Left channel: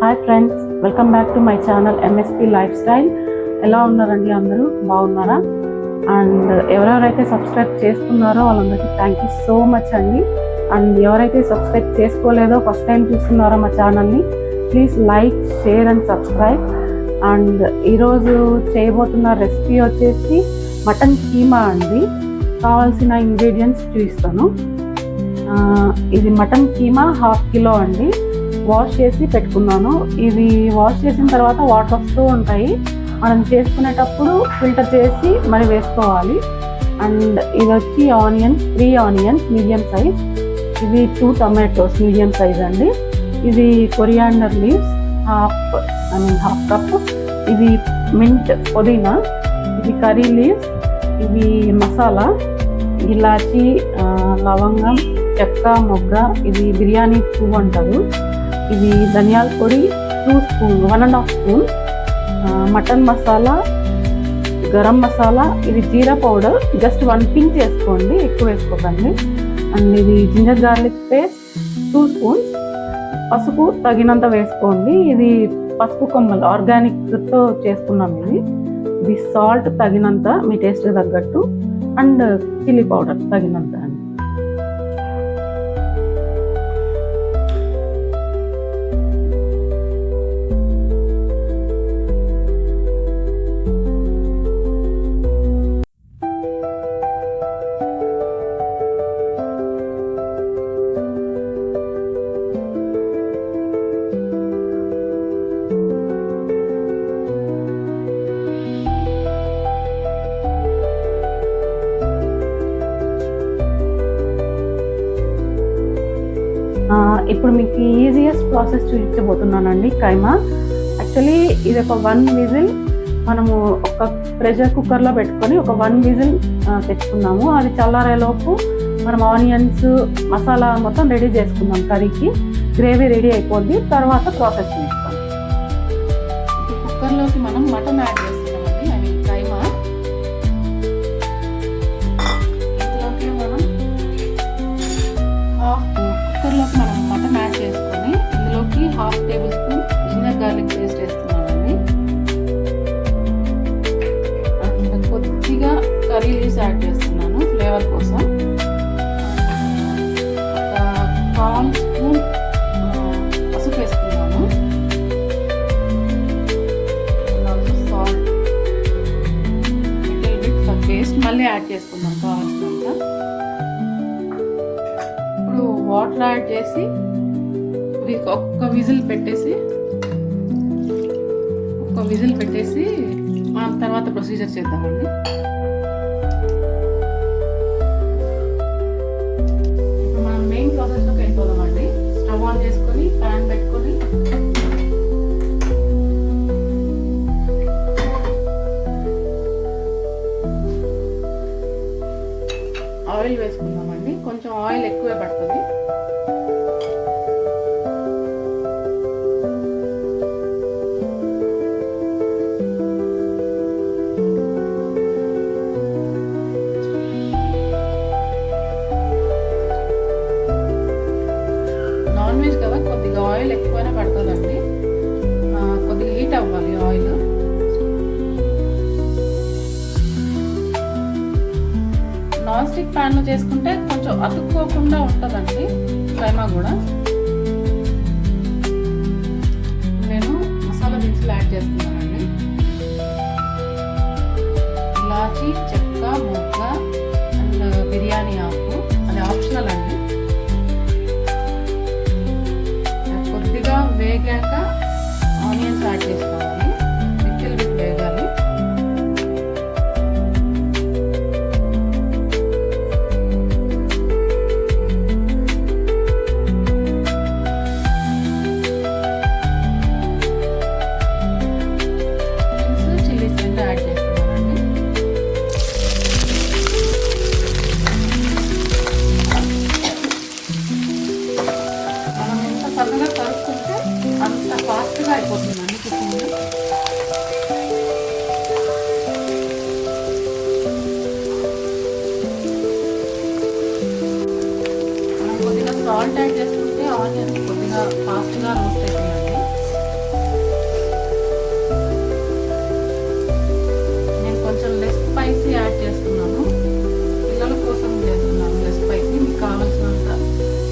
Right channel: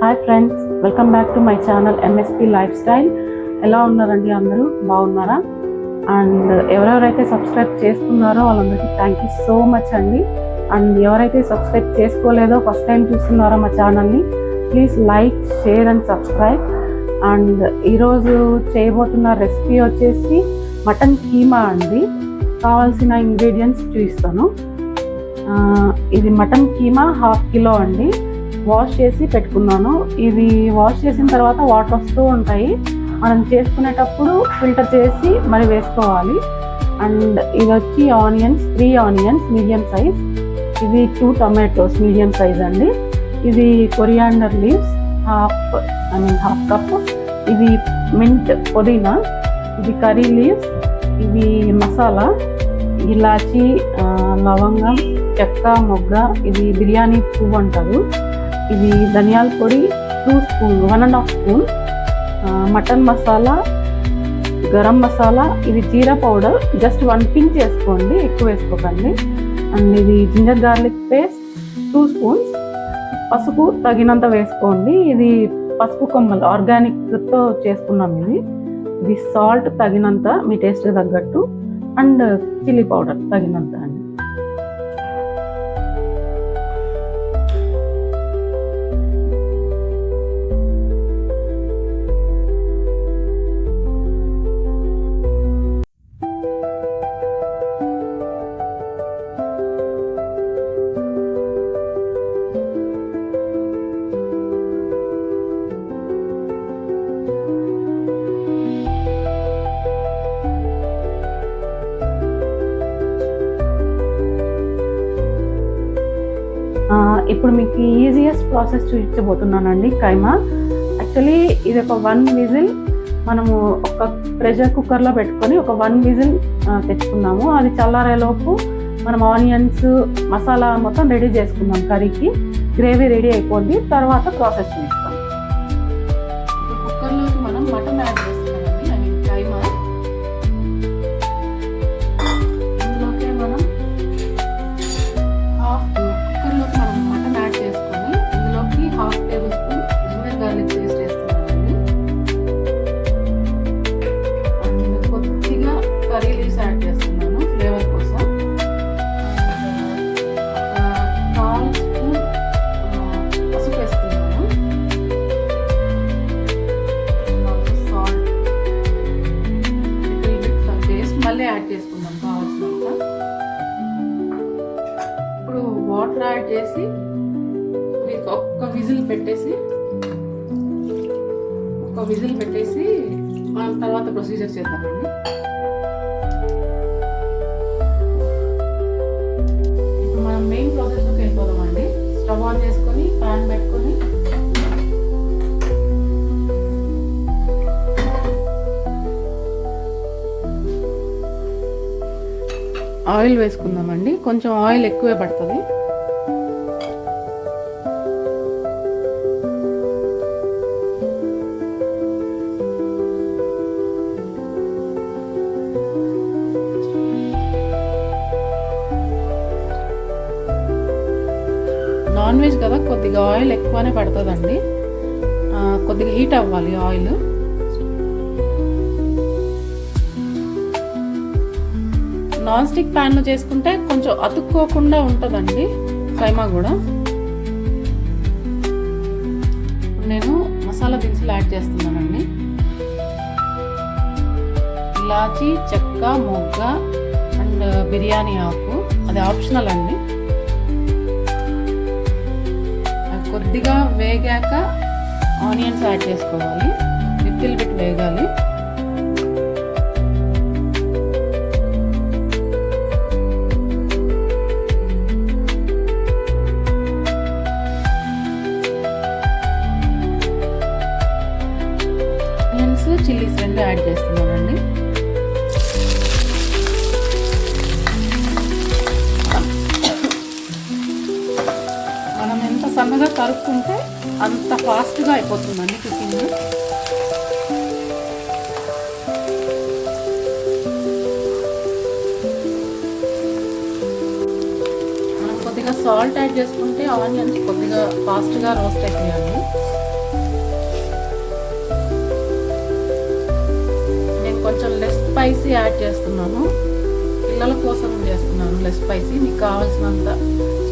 Hi friends, welcome back to my channel MSP life style. ఎలా ఉన్నారండి? అందరూ బాగున్నారా? అండ్ ఎవరెవరైతే సబ్స్క్రైబ్ చేసుకున్నారో వాళ్ళందరికీ థ్యాంక్ యూ సో మచ్ అండి. అండ్ ఎవరైతే సబ్స్క్రైబ్ చేసుకోలేదో ఫస్ట్ టైం చూస్తున్నారో మా ఛానల్ని please like, share and subscribe. And ఈరోజు చేయబోతున్న రెసిపీ వచ్చేసి మటన్ కీమా అండి. కావాల్సిన ఇంగ్రీడియంట్స్ చూపిస్తాను. ఇది మటన్ కీమా 1/2 కిలో అండి. వాష్ చేసి పెట్టుకున్నాను. ఇది వాష్ చేసిన తర్వాత వాటర్ వస్తూ ఉంటాయి, మనం చేసుకునేటప్పుడు ఫిల్టర్ చేసి మరి వేసుకోవాలి. అండ్ ఇది వచ్చి ఆనియన్స్, 3 ఆనియన్స్ మీడియం సైజ్. ఇది 2 టొమాటోస్ మీడియం సైజ్ అండి. ఇది కొరియాండర్ లీవ్స్ హాఫ్ కప్. ఇది మింట్ పుదీనా. ఇది కర్రీ లీవ్స్. ఇవి మసాలా ఇలాచి, లవంగం, చెక్క, మొగ్గ. ఇది బిర్యానీ పువ్వు అంటారు. ఇది ధనియాల పొడి 2 spoon, 1.5 spoon. Mutton masala, garam masala. ఇది జీరా పౌడర్ జస్ట్ 1 పించ్ వేసుకోండి, ఎక్కువ వేసుకోకండి. అండ్ ఇది జింజర్ గార్లిక్ పేస్ట్ 2 స్పూన్స్. పసుపు తగినంత వేసుకోండి. ఇది పసుపు కొమ్మలు ఆర్గానిక్తో చేసుకున్నాం. ఇది సాల్ట్ తగినంత, మీ టేస్ట్ తగ్గట్టు. అండ్ చిల్లీ పౌడర్ తగినంత అండి. ఇప్పుడు మీకు ఈజియెస్ట్ ప్రాసెస్ చూపించబోతున్నానండి. కైమా యాక్చువల్లీ ఇది ఒక 1 విజిల్ మనము ఒక ప్రెషర్ కుక్కర్లో పెట్టుకొని ఒక 1 విజిల్ తెచ్చుకున్నాము. అది చల్లారేలోపు మనం ఆనియన్స్, మసాలా మొత్తం రెడీ చేసుకుందాం. కర్రీకి గ్రేవీ రెడీ అయిపోద్ది, తర్వాత ప్రాసెస్ చూపిస్తాం. కుక్కర్లోకి మనం మటన్ యాడ్ చేస్తామండి. అది కైమా. ఇందులోకి మనం కుక్కర్లోకి మనం మటన్ యాడ్ చేసుకొని ఇందులోకి 1/2 tablespoon ginger garlic paste వేస్తున్నానండి. అండ్ కొద్దిగా కర్రీ లీవ్స్ యాడ్ చేస్తున్నాను ఫ్లేవర్ కోసం. ఒక 1/4 స్పూన్ పసుపు వేస్తున్నాను. Salt, little bit for taste. మళ్ళీ యాడ్ చేసుకున్నాం కావాల్సినంత. ఇప్పుడు వాటర్ యాడ్ చేసి ఒక్క విజిల్ పెట్టేసి తర్వాత ప్రొసీజర్ చేద్దామండి. ఇప్పుడు మనం మెయిన్ ప్రాసెస్లోకి వెళ్ళిపోదామండి. స్టవ్ ఆన్ చేసుకొని ప్యాన్ పెట్టుకొని ఆయిల్ వేసుకుందామండి. కొంచెం ఆయిల్ ఎక్కువే పడుతుంది. నాన్ వెజ్ కదా, కొద్దిగా ఆయిల్ ఎక్కువనే పడుతుందండి. కొద్దిగా హీట్ అవ్వాలి ఆయిల్. నాన్ స్టిక్ ప్యాన్లో చేసుకుంటే కొంచెం అతుక్కోకుండా ఉంటుందండి కైమా కూడా. నేను మసాలా దినుసులు యాడ్ చేస్తున్నానండి. ఇలాచి, చెక్క, మొగ్గ అండ్ బిర్యానీ ఆకు. అది ఆప్షనల్ అండి. కొద్దిగా వేగాక ఆనియన్స్ యాడ్ చేసుకోవాలి. లిటిల్ బిట్ వేగాలి. చిల్లీస్ 2 యాడ్ చేస్తున్నానండి. మనం ఎంత సన్నగా కలుపుకుంటే అంత ఫాస్ట్గా అయిపోతుందండి కుకింగ్. మనం కొద్దిగా సాల్ట్ యాడ్ చేసుకుంటే ఆనియన్స్ కొద్దిగా ఫాస్ట్గా రోస్ట్ అయిపోయాలి. స్పైసీ యాడ్ చేస్తున్నాను. పిల్లల కోసం చేస్తున్నాను లెస్ స్పైసీ. మీకు కావాల్సినంత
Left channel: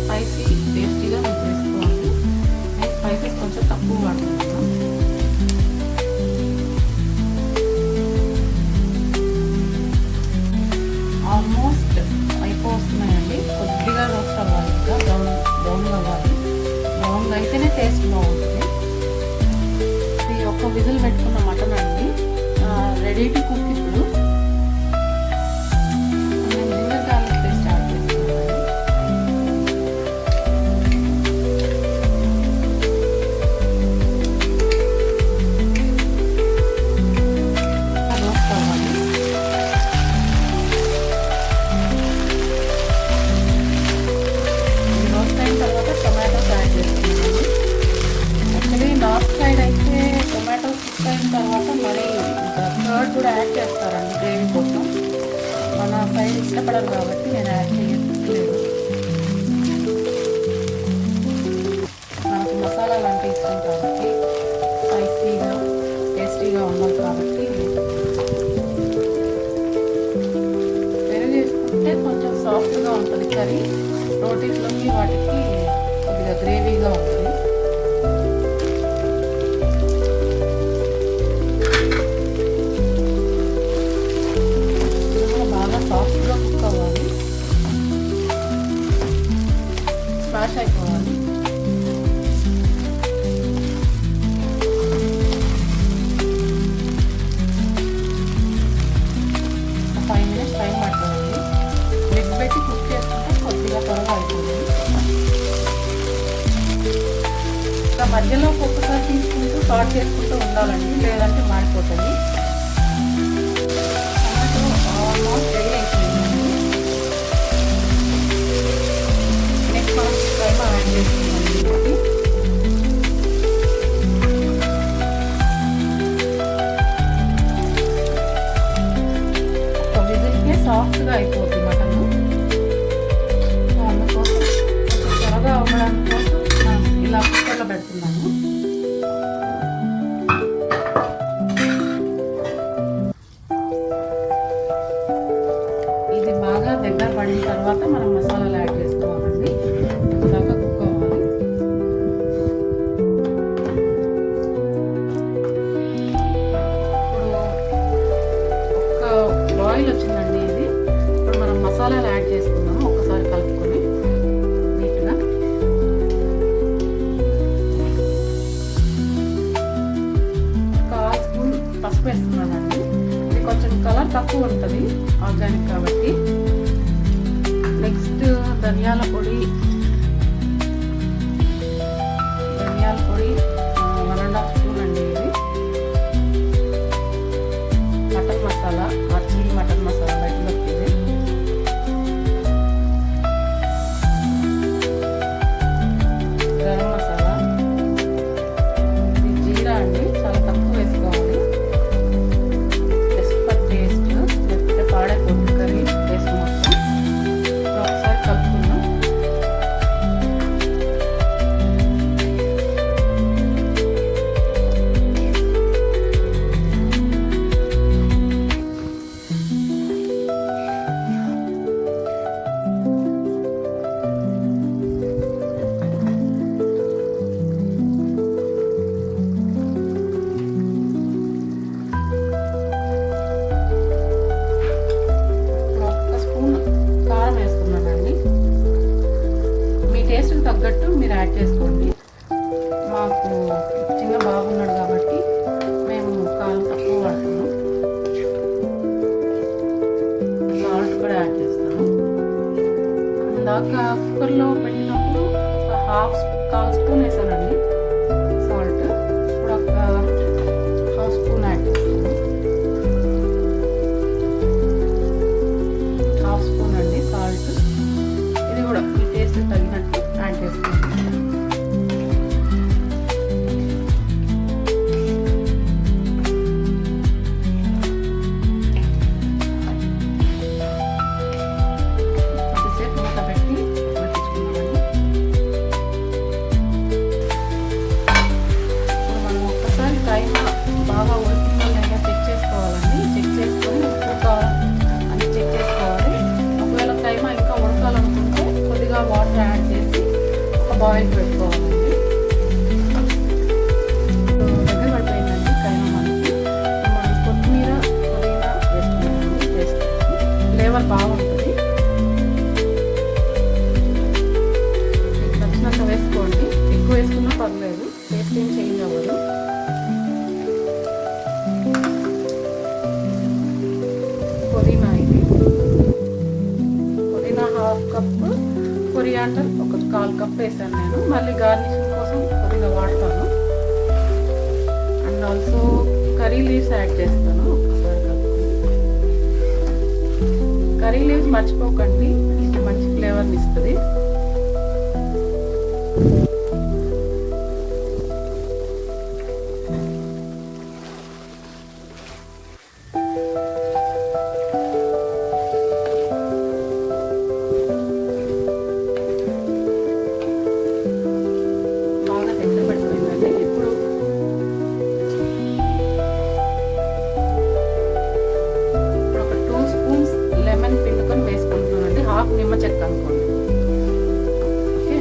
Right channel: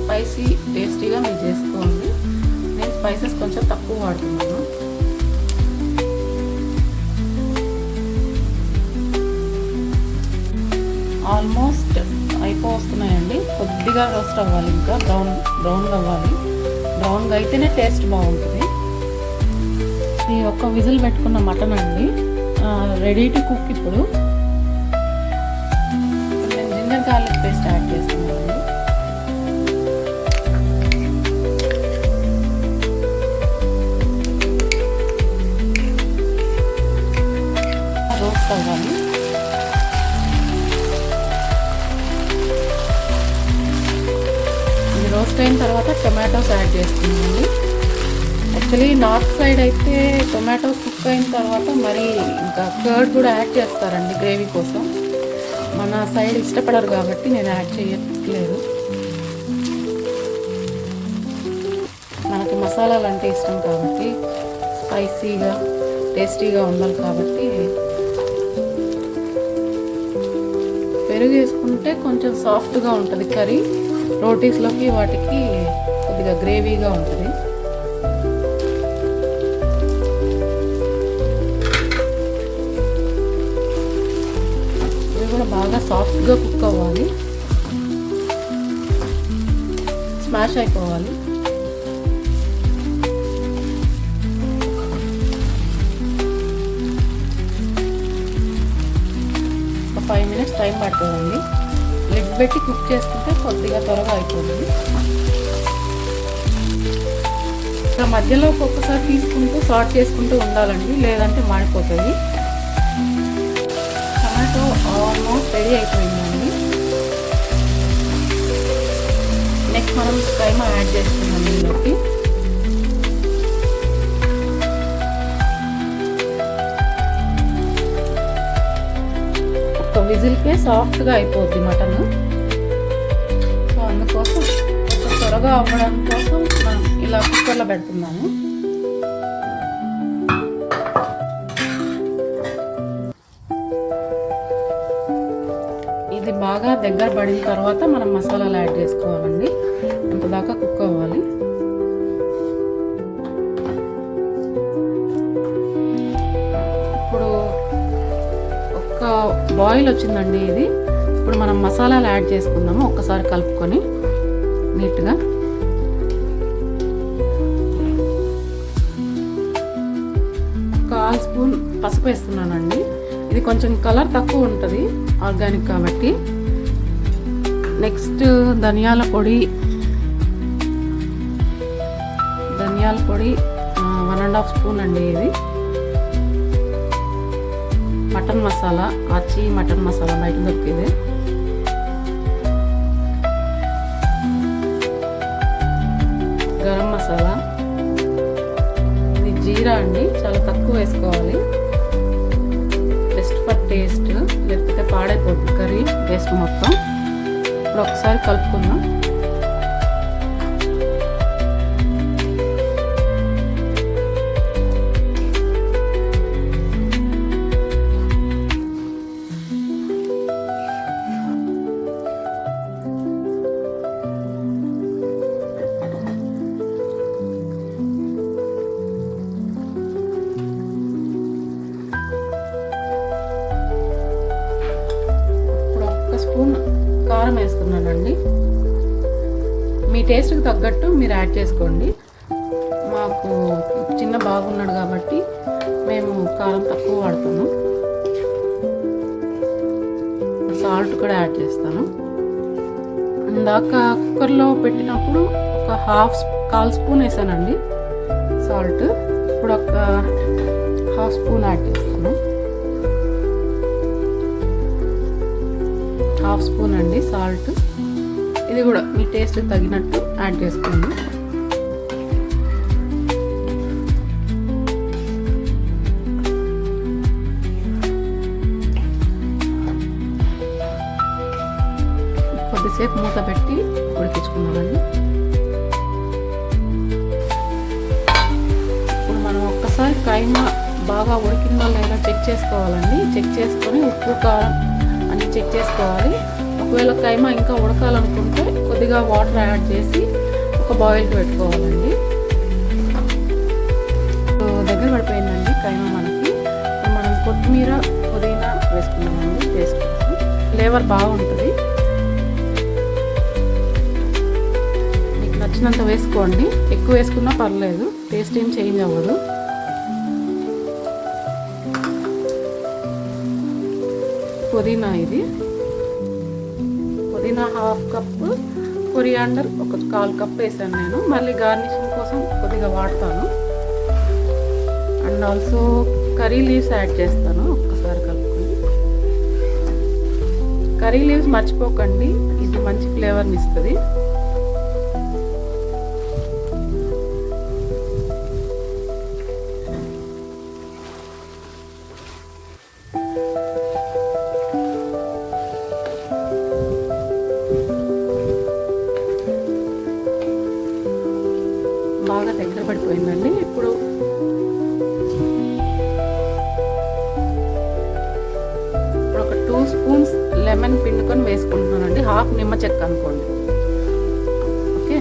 స్పైసీ టేస్టీగా మీరు చేసుకోండి. నేను స్పైసెస్ కొంచెం తక్కువ వాడుతున్నాను. ఆల్మోస్ట్ అయిపోతున్నాయండి. కొద్దిగా రోస్ట్ అవ్వాలి, ఇంకా బ్రౌన్ అవ్వాలి. బ్రౌన్గా అయితేనే టేస్ట్ బాగుంటుంది. ఇది ఒక విజిల్ పెట్టుకున్న మటన్ అండి, రెడీ టు కుక్. ఇప్పుడు నేను జింజర్ గార్లిక్ పేస్ట్ యాడ్ చేస్తున్నానండి. రోస్ట్ అవ్వాలి. రోస్ట్ అయిన తర్వాత టొమాటోస్ యాడ్ చేస్తున్నానండి. యాక్చువల్లీ నార్త్ సైడ్ అయితే టొమాటో కుక్ అయిన తర్వాత మరి ఇంకా కర్డ్ కూడా యాడ్ చేస్తారండి గ్రేవీ కోసం. మన సైడ్ ఇష్టపడరు కాబట్టి నేను యాడ్ చేయట్లేదు. మనకి మసాలాలు అంటే ఇష్టం కాబట్టి, స్పైసీగా టేస్టీగా ఉండాలి కాబట్టి పెరుగు వేసుకుంటే కొంచెం సాఫ్ట్గా ఉంటుంది కర్రీ. రోటీస్లోకి వాటికి కొద్దిగా గ్రేవీగా ఉంటుంది. ఇది కూడా బాగా సాఫ్ట్గా కుక్ అవ్వాలి, స్మాష్ అయిపోవాలి. ఒక 5 minutes టైం పడుతుందండి. లిడ్ పెట్టి కుక్ చేసుకుంటే కొద్దిగా త్వరగా అయిపోతుంది. ఇంకా మధ్యలో ఒక్కొక్కసారి తీసుకుంటూ సార్ట్ చేసుకుంటూ ఉండాలండి, లేదంటే మాడిపోతాయి. టమాటో ఆల్మోస్ట్ రెడీ అయిపోయిందండి. నెక్స్ట్ మనం కైమా యాడ్ చేస్తున్నాం ఇందులోకి. విజిల్కే సాఫ్ట్గా అయిపోద్ది మటన్. సో అందుకోసం కొంచెం త్వరగా అవ్వడం కోసం ఇలా కుక్కర్లో పెడుతున్నాను. ఇది బాగా దగ్గర పడిన తర్వాత మనం మసాలాలు యాడ్ చేసుకోవాలండి. ఇంతదాకా కుక్ అవ్వాలి. బాయిల్ వచ్చిందండి ఇది. ఇప్పుడు మనం మసాలాలు యాడ్ చేసుకుందాము. ఒక్కసారి కలుపుకొని నీట్గా. ఒక 1 స్పూన్ పసుపు వేస్తున్నానండి. ఇది కొంచెం కలర్ తక్కువ ఉంటుంది ఆర్గానిక్ కాబట్టి. నెక్స్ట్ ధనియాల పొడి 1.5 స్పూన్ అండి. ఇది మటన్ మసాలా, ఆచి మటన్ మసాలా బయట దొరికేది. గరం మసాలా, ఇది జీరా అండి, చాలా తక్కువ వేసుకోవాలి జస్ట్ ఫర్ టేస్ట్, లేకపోతే పాడైపోతుంది కర్రీ టేస్ట్ మొత్తం. ఇప్పుడు ఒకసారి కలుపుకుందాం. కారం వేస్తున్నానండి. మీ టేస్ట్కి తగ్గట్టు మీరు యాడ్ చేసుకోండి. మాకు చిన్న బాబు ఉన్నాడు కాబట్టి మేము కారం తక్కువ వాడతాము. సాల్ట్ కూడా యాడ్ చేస్తాను. ఇందాక కుక్కర్లో పెట్టినప్పుడు ఒక 1/2 స్పూన్ వేసానండి సాల్ట్. ఇప్పుడు ఒక 1/2 స్పూన్ యాడ్ చేస్తాను. 1/2 స్పూన్ అండి సాల్ట్. ఇది కూడా మీ టేస్ట్ తగినట్టు యాడ్ చేసుకోండి. కొద్దిసేపు మూత పెట్టి ఉడికించుకున్నామండి. ఇప్పుడు మనం ఒక్కసారి కైమా బాగా ఉడికిందో లేదా చెక్ చేసుకోవాలండి. చెక్ చేసుకొని ఉప్పు కారం కొద్దిగా వాటర్ యాడ్ చేసి ఒక బాయిల్కి పెట్టుకోవాలండి. సో దగ్గర పడిపోయిందండి కైమా మనకి. మనం కొత్తిమీర పుదీనా వేసుకున్నామండి. టేస్ట్ ఫ్లేవర్ బాగుంటుంది. మీకు నచ్చినంత వేసుకోండి, ఎక్కువ వేసుకున్నా పర్లేదు, టేస్ట్ ఏం చేంజ్ అవ్వదు. పుదీనా, ఇది పుదీనా 1/2 కప్పు, కొరియాండర్ ఒక 1/4 కప్ వేసాను నేను. మళ్ళీ గార్నిషింగ్ కోసం కొద్దిగా వాడతాను. And also curry leaves add చేస్తాను, ఒక్కసారి కలుపుకొని. కర్రీ లీవ్స్ మర్చిపోకండి, ఇది మంచి ఫ్లేవర్ని ఇస్తుంది. లెమన్ పిండుకొని వేసుకుంటున్నానండి, 1/2 నిమ్మ చెక్క అనుకోండి. ఓకే,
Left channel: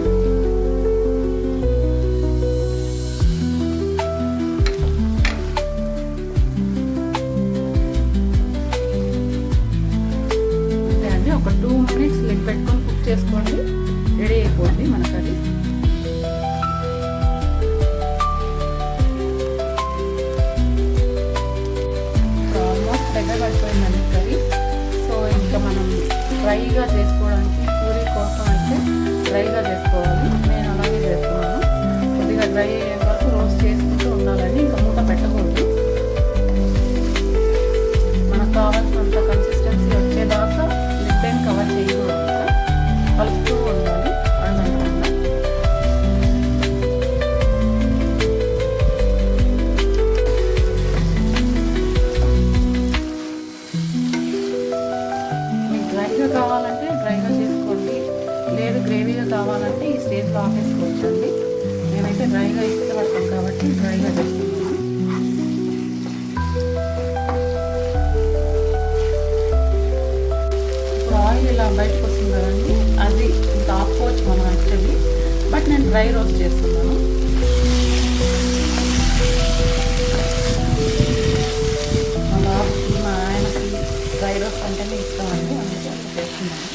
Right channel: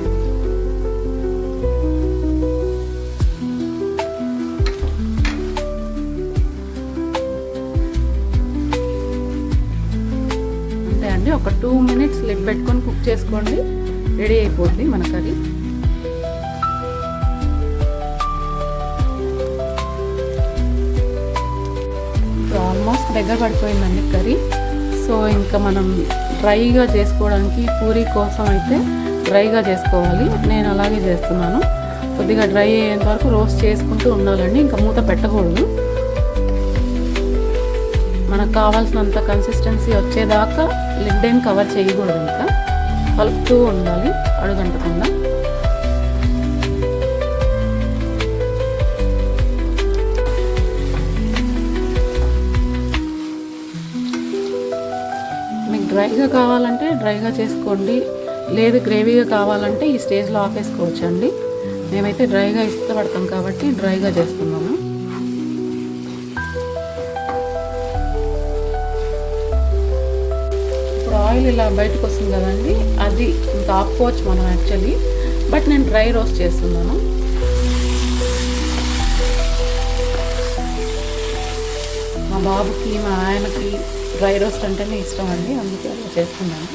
అంతే అండి. ఒక 2 మినిట్స్ లిడ్ పెట్టుకొని కుక్ చేసుకోండి, రెడీ అయిపోద్ది మన కర్రీ. ఆల్మోస్ట్ దగ్గర పడిపోయిందండి కర్రీ. సో ఇంకా మనం డ్రైగా చేసుకోవడానికి పూరీ కోసం అయితే డ్రైగా చేసుకోవాలి. నేను అలాగే చేస్తున్నాను. కొద్దిగా డ్రై అయ్యేంత వరకు రోస్ట్ చేసుకుంటూ ఉండాలండి, ఇంకా మూత పెట్టకూడదు. మనకు కావాల్సినంత కన్సిస్టెన్సీ వచ్చేదాకా లిడ్ ఏం కవర్ చేయకూడదు, ఇంకా కలుపుతూ ఉండాలి అడుగంటకుండా. డ్రైగా కావాలంటే డ్రైగా చేసుకోండి, లేదు గ్రేవీగా కావాలంటే ఈ స్టేజ్లో ఆపేసుకోవచ్చు అండి. మేమైతే డ్రైగా ఇష్టపడతాం కాబట్టి డ్రైగా చేస్తున్నాము. ఇప్పుడు ఆయిల్ ఇలా బయటకు వస్తుంది కదండి, అది ఇంకా ఆపుకోవచ్చు మనం యాక్చువల్లీ. బట్ నేను డ్రై రోస్ట్ చేస్తున్నాను. మా బాబుకి, మా ఆయనకి డ్రై రోస్ట్ అంటేనే ఇష్టం అండి, అందుకే చేస్తున్నాను.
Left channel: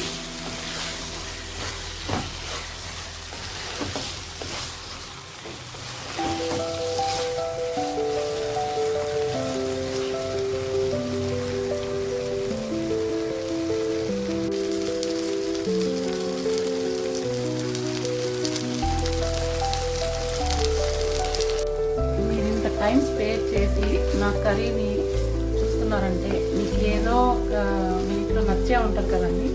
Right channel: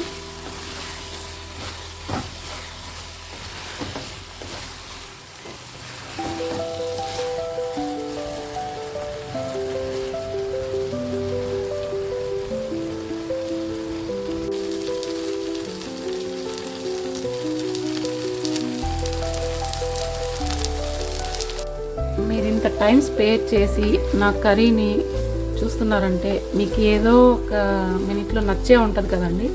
మీరు ఇంత టైం స్పేర్ చేసి నా కర్రీని చూస్తున్నారంటే మీకు ఏదో ఒక మినిట్లో నచ్చే ఉంటుంది కదండి.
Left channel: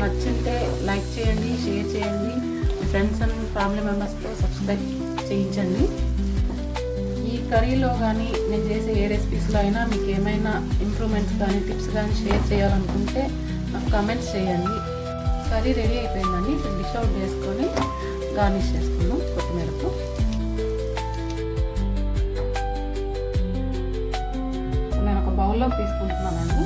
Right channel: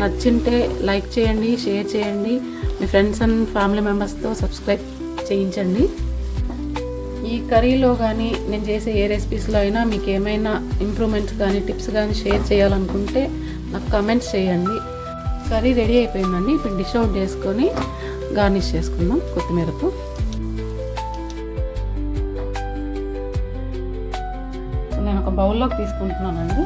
నచ్చింటే లైక్ చేయండి, షేర్ చేయండి, మీ ఫ్రెండ్స్ అండ్ ఫ్యామిలీ మెంబర్స్తో సబ్స్క్రైబ్ చేయించండి. ఈ కర్రీలో కానీ నేను చేసే ఏ రెసిపీస్లో అయినా మీకు ఏమైనా ఇంప్రూవ్మెంట్స్ కానీ టిప్స్ కానీ షేర్ చేయాలనుకుంటే నాకు కమెంట్స్ చేయండి. కర్రీ రెడీ అయిపోయిందండి. ఇప్పుడు డిష్ అవుట్ చేసుకొని గార్నిష్ చేసుకుందాం కొత్తిమీరకు. నేను ఒక బౌల్లోకి తీసుకుంటున్నానండి.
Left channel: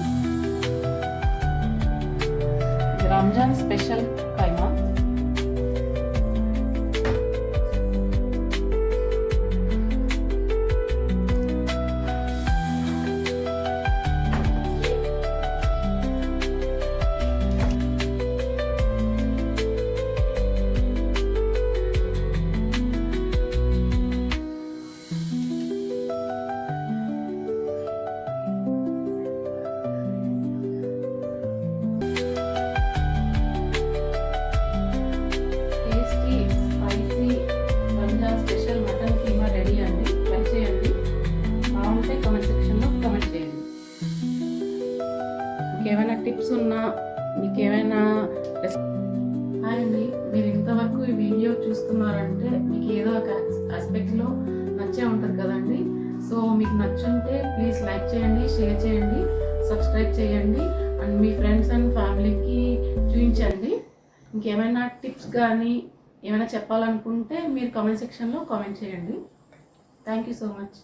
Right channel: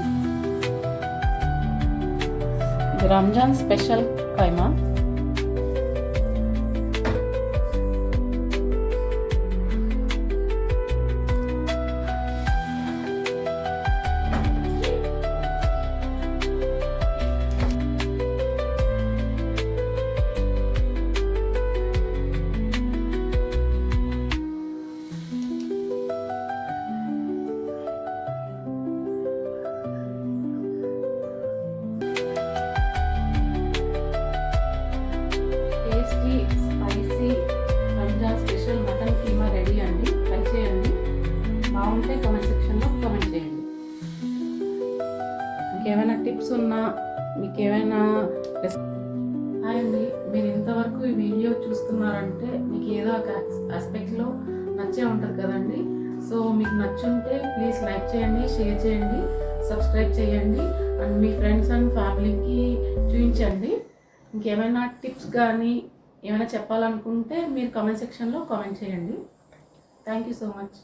ఇది Ramzan special keema. Tasty spicy Ramzan special mutton keema ready అండి. ట్రై చేయండి, బాగుంటే కామెంట్ సెక్షన్లో కామెంట్ చేయండి. ఇంకేమైనా టిప్స్ ఉన్నా, మీకు ఏమైనా హాయ్ అండి, మీరు ఇంతవరకు ఈ వీడియో చూస్తున్నారంటే మీకు ఏదో ఒక ఆస్పెక్ట్లో నచ్చే ఉంటుంది కదండి. సో మీకు నచ్చుంటే ప్లీజ్ లైక్ చేయండి, షేర్ చేయండి, సబ్స్క్రైబ్ చేయండి అండ్ మీ ఫ్రెండ్స్ అండ్ ఫ్యామిలీకి చూపించండి. ఇంకేమైనా టిప్స్ కానీ ఏమైనా చెప్పాలనుకుంటే మీరు కామెంట్ సెక్షన్లో కామెంట్ చేయండి. Thank you so much.